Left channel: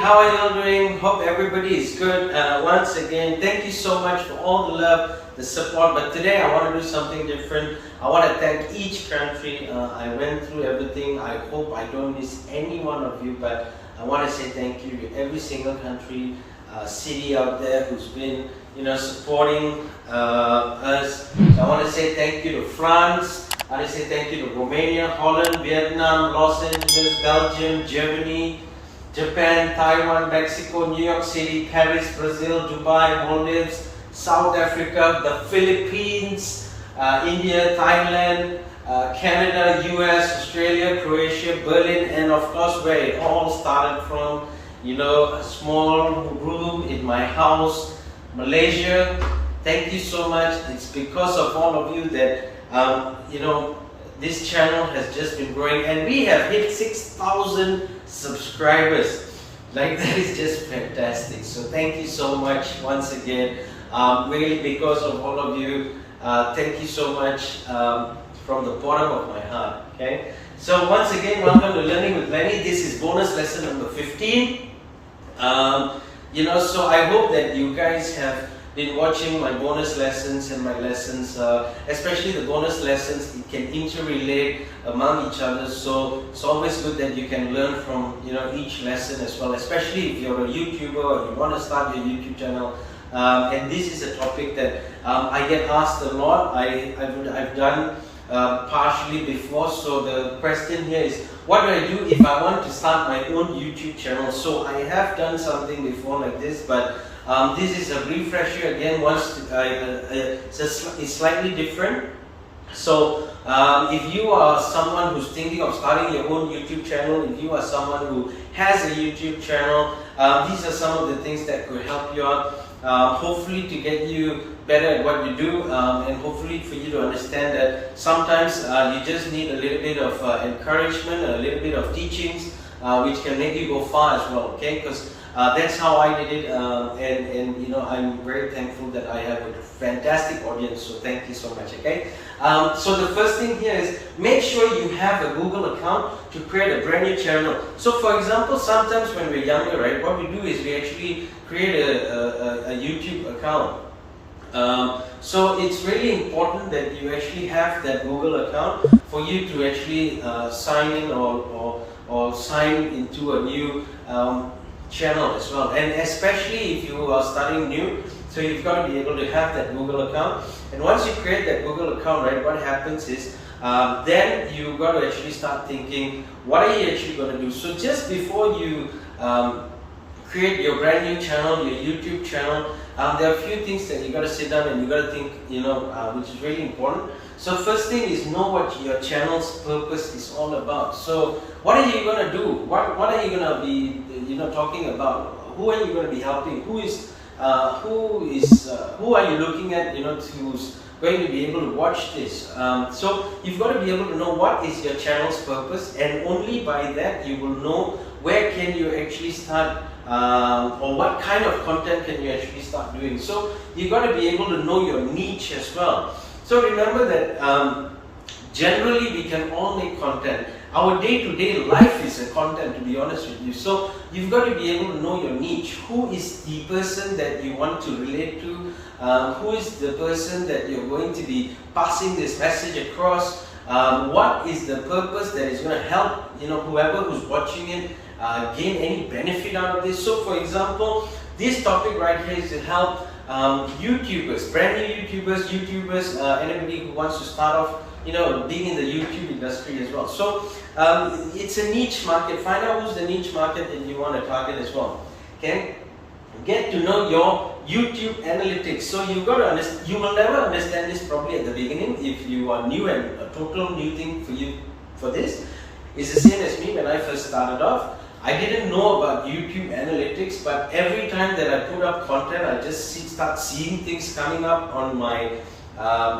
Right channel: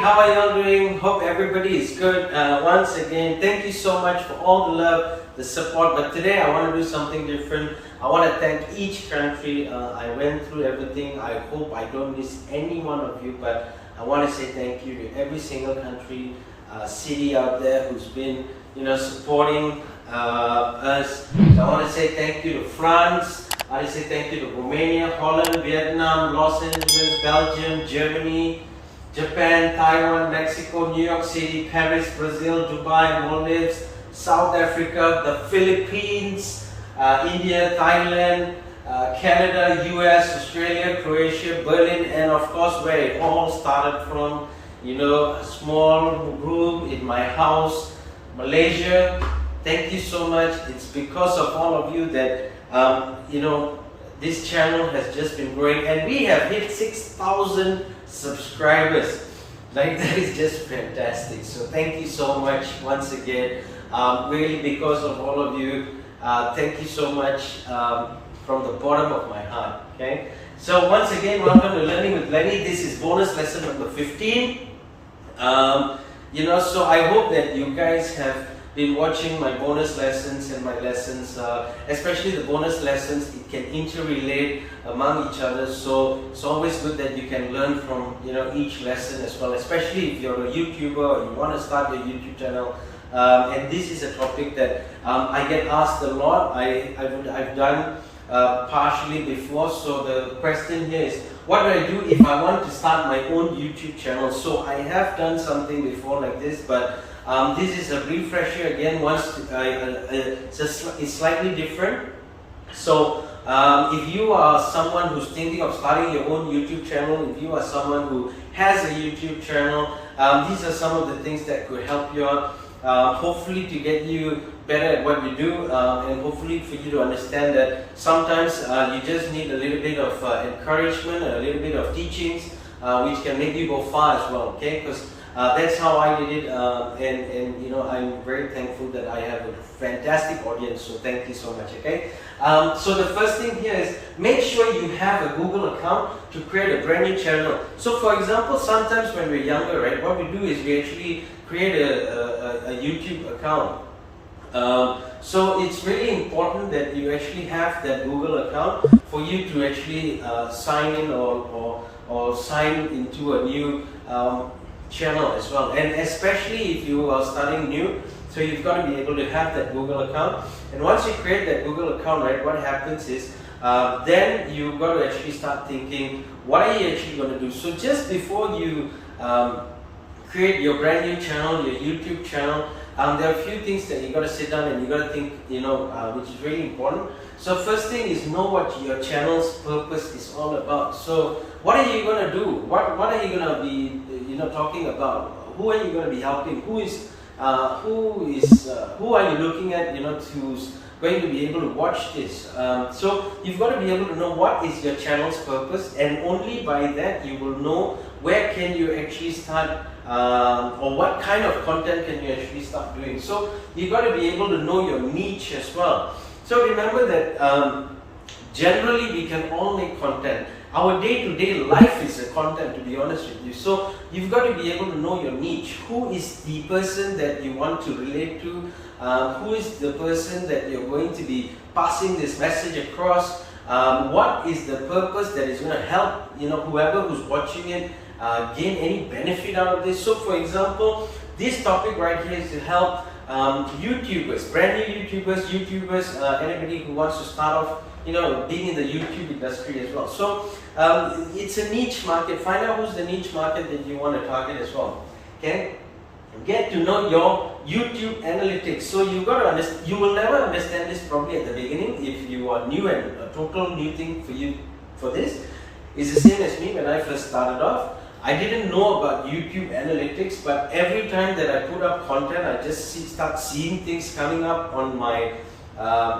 how are y'all doing? Hope everybody is good. Once again, thank you so much for all the love, the support. But today I want to do something different. I want to thank each country. I went through everything. I hope I don't miss any one of you, but I want to say thank you to every single country, city out there who's been, supporting us. So I want to say thank you to France. I want to say thank you to Romania, Holland, Vietnam, Los Angeles, Belgium, Germany, Japan, Taiwan, Mexico, New York City, Paris, Brazil, Dubai, Maldives, South Africa, the Philippines, India, Thailand, Canada, US, Australia, Croatia, Berlin, and of course where it all started from, a small room in my house, Malaysia. Thank you so much. It's because of all of you that this channel has just been growing, and we have hit 6,000 subscribers. Like, that is just fantastic. So thank you so much once again. Really, because of all of you, thank you so much from the bottom of my heart. Okay. So once again, welcome to Learning with Lenny. This is bonus lesson number 15. So I hope that you guys have been watching my bonus lessons and my lessons, especially the bonus lessons. It can interrelate among each other, so it's always good that you can learn from each lesson as well, especially if you're a YouTuber or you want to start your YouTube channel. And this is a topic that I get asked a lot. I've done partially before. So the question here is, what do I do if I want to start my own YouTube channel? So I have done something before like this, but this is a refresher again. It's slightly different. So if you are someone who's thinking of starting your own YouTube channel, if you are someone who has a YouTube channel, these are some of the things that could help you out. Hopefully to get you better at what you do, and hopefully for you to understand that sometimes you just need a little bit of encouragement, a little bit of teachings, which can make you go far as well. Okay, because that's how I did it, and I'm very thankful that I have a fantastic audience. So thank you so much. Okay, so the first thing here is make sure you have a Google account to create a brand new channel. So for example, sometimes when we're younger, right, what we do is we actually create a YouTube account. So it's really important that you actually have that Google account for you to actually sign in or sign into a new channel as well, and especially if you are starting new, so you've got to be able to have that Google account. And once you create that Google account, right, what happens is then you've got to actually start thinking, what are you actually going to do? So just before you create your brand new channel, your YouTube channel, there are a few things that you got to sit down and you got to think, which is really important. So first thing is, know what your channel's purpose is all about. So what are you going to do? What are you going to be talking about? Who are you going to be helping? Who are you looking at, who's going to be able to watch this? So you've got to be able to know what is your channel's purpose, and only by that you will know where can you actually start, or what kind of content can you actually start doing. So you've got to be able to know your niche as well. So remember that generally we can all make content. Our day-to-day life is a content, to be honest with you. So you've got to be able to know your niche. Who is the person that you want to relate to? Who is the person that you're going to be passing this message across? What is the purpose that is going to help whoever who's watching it gain any benefit out of this? So for example, this topic right here is to help YouTubers, brand new YouTubers, anybody who wants to start off, being in the YouTube industry as well. So it's a niche market. Find out who's the niche market that you want to target as well. Okay, get to know your YouTube analytics. So you've got to understand. You will never understand this probably at the beginning if you are new, and a total new thing for you for this. It's the same as me when I first started off. I didn't know about YouTube analytics, but every time that I put up content, I just start seeing things coming up on my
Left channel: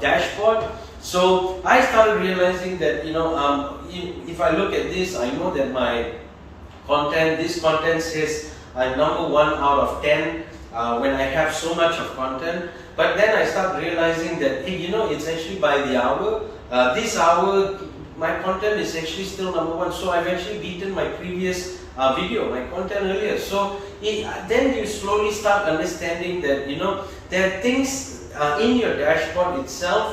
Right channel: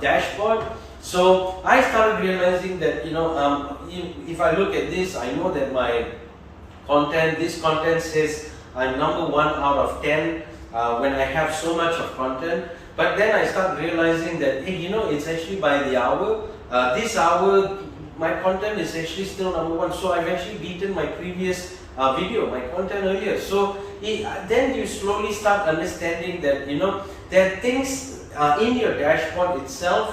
dashboard. So I started realizing that if I look at this, I know that my content, this content says I'm number 1 out of 10 when I have so much of content. But then I start realizing that it's actually by the hour. This hour my content is actually still number 1. So I've actually beaten my previous video, my content earlier. So then you slowly start understanding that, you know, there are things in your dashboard itself.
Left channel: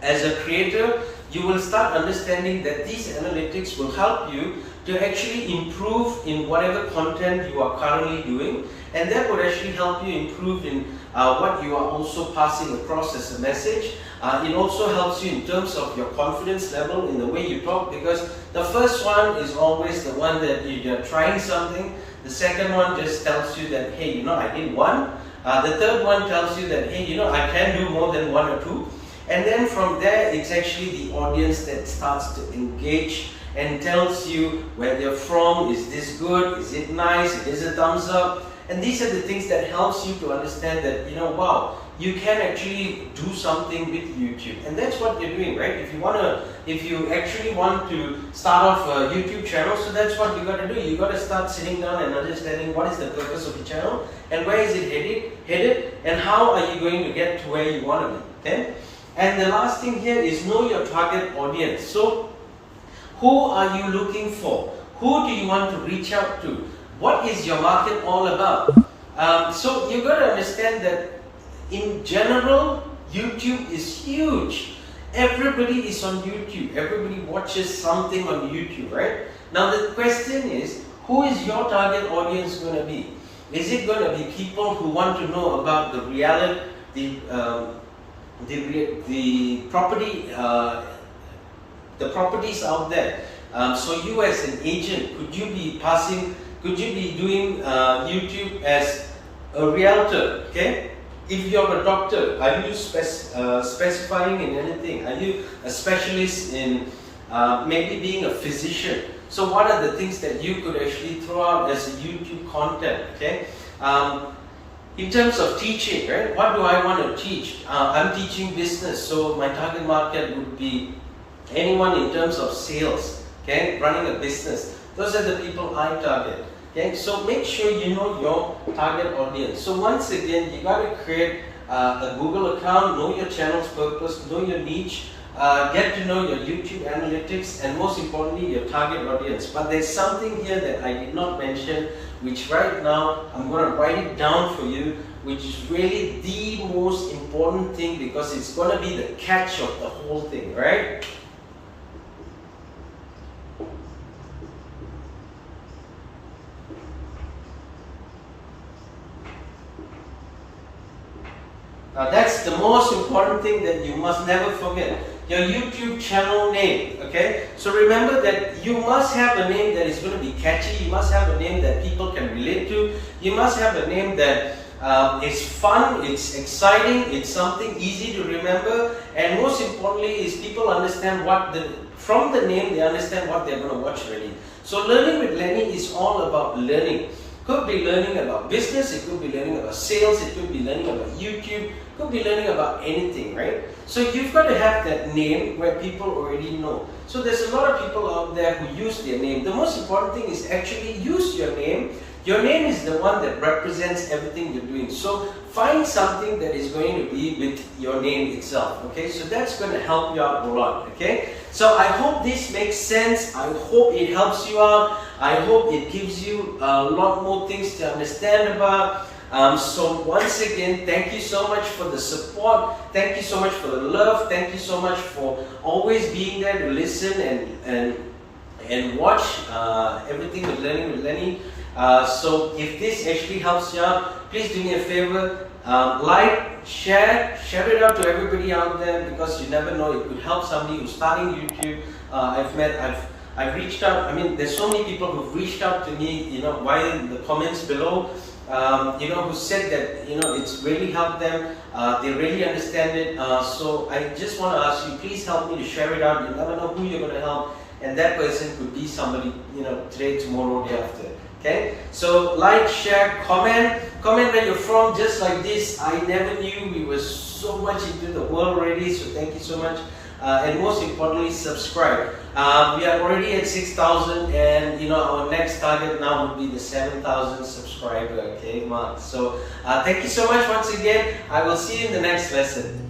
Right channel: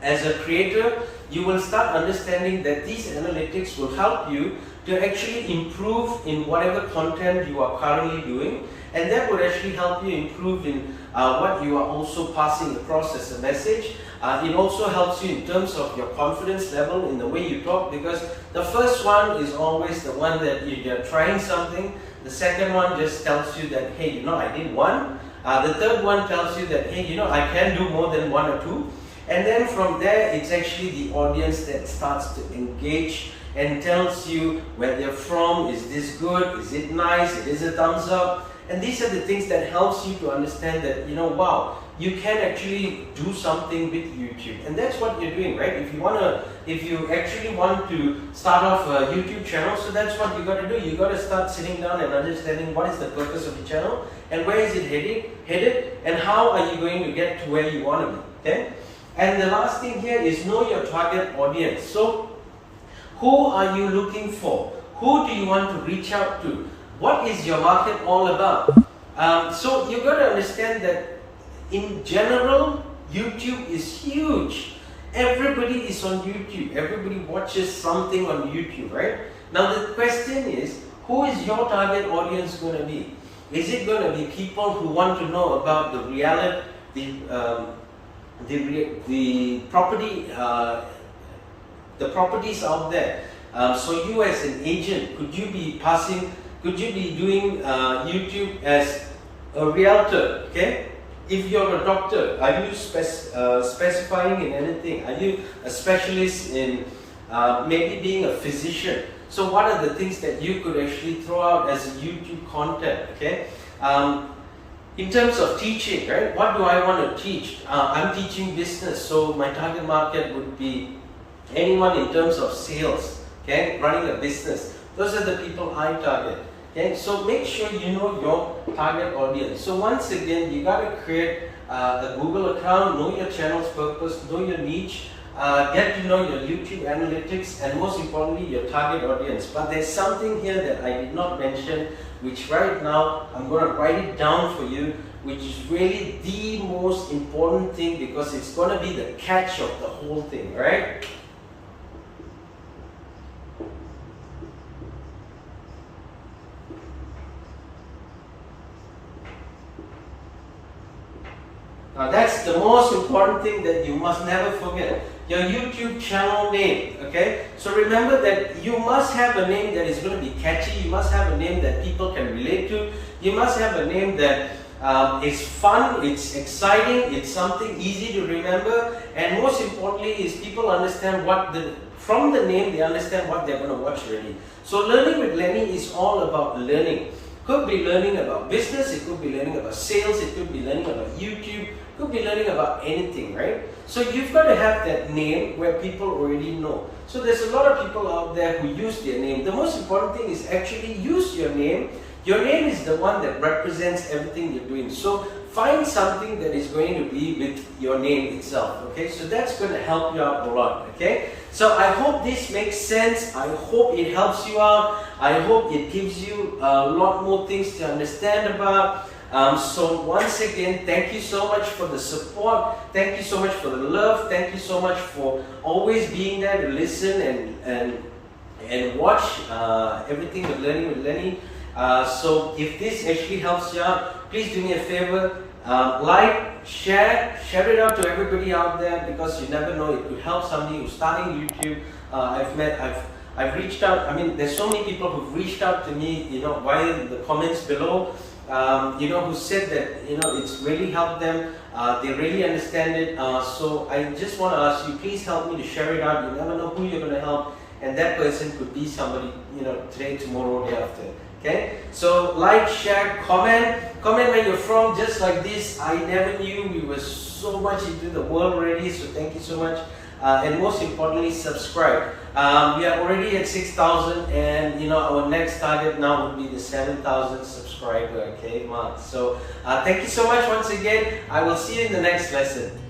As a creator, you will start understanding that these analytics will help you to actually improve in whatever content you are currently doing, and that would actually help you improve in what you are also passing across as a message. It also helps you in terms of your confidence level in the way you talk, because the first one is always the one that you're trying something. The second one just tells you that, hey, you know, I did one. The third one tells you that, hey, you know, I can do more than one or two. And then from there, it's actually the audience that starts to engage and tells you where they're from. Is this good? Is it nice? It is a thumbs up. And these are the things that helps you to understand that, you know, wow, you can actually do something with YouTube. And that's what you're doing, right? If you actually want to start off a YouTube channel, so that's what you got to do. You got to start sitting down and understanding what is the purpose of the channel and where is it headed, and how are you going to get to where you want to be, okay? And the last thing here is know your target audience. So who are you looking for? Who do you want to reach out to? What is your market all about? So you got to understand that in general, YouTube is huge. Everybody is on YouTube. Everybody watches something on YouTube, right? Now the question is, who is your target audience going to be? Is it going to be people who want to know about the reality, the properties out there? So you as an agent, could you be doing YouTube as a realtor? Okay. If you're a doctor, are you specifying in anything? Are you a specialist in maybe being a physician? So what are the things that you could actually throw out as a YouTube content? Okay. In terms of teaching, right? What do I want to teach? I'm teaching business, so my target market would be anyone in terms of sales, okay? Running a business. Those are the people I target, okay? So make sure you know your target audience. So once again, you got to create a Google account, know your channel's purpose, know your niche, get to know your YouTube analytics, and most importantly, your target audience. But there's something here that I did not mention, which right now I'm going to write it down for you, which is really the most important thing, because it's going to be the catch of the whole thing, right? Now that's the most important thing that you must never forget. Your YouTube channel name, okay? So remember that you must have a name that is going to be catchy. You must have a name that people can relate to. You must have a name that is fun, it's exciting, it's something easy to remember, and most importantly is people understand from the name they understand what they're going to watch already. So Learning with Lenny is all about learning. Could be learning about business, it could be learning about sales, it could be learning about YouTube, could be learning about anything, right? So you've got to have that name where people already know. So there's a lot of people out there who use their name. The most important thing is actually use your name. Your name is the one that represents everything you're doing. So find something that is going to be with your name itself, okay? So that's going to help you out a lot, okay? So I hope this makes sense. I hope it helps you out. I hope it gives you a lot more things to understand about. So once again, thank you so much for the support. Thank you so much for the love. Thank you so much for always being there to listen and watch everything with Learning with Lenny. So if this actually helps you out, please do me a favor. Like, share it out to everybody out there, because you never know, it could help somebody who's starting YouTube. I've reached out. I mean, there's so many people who've reached out to me, you know, while the comments below, you know, who said that, you know, it's really helped them. They really understand it. So I just want to ask you, please help me to share it out. You never know who you're going to help, and that person could be somebody, you know, today, tomorrow, day after. Okay, so like, share, comment where you're from, just like this. I never knew we were so much into the world already, so thank you so much. And most importantly, subscribe. We are already at 6,000, and you know, our next target now would be the 7,000 subscriber, okay, mark. So thank you so much once again. I will see you in the next lesson.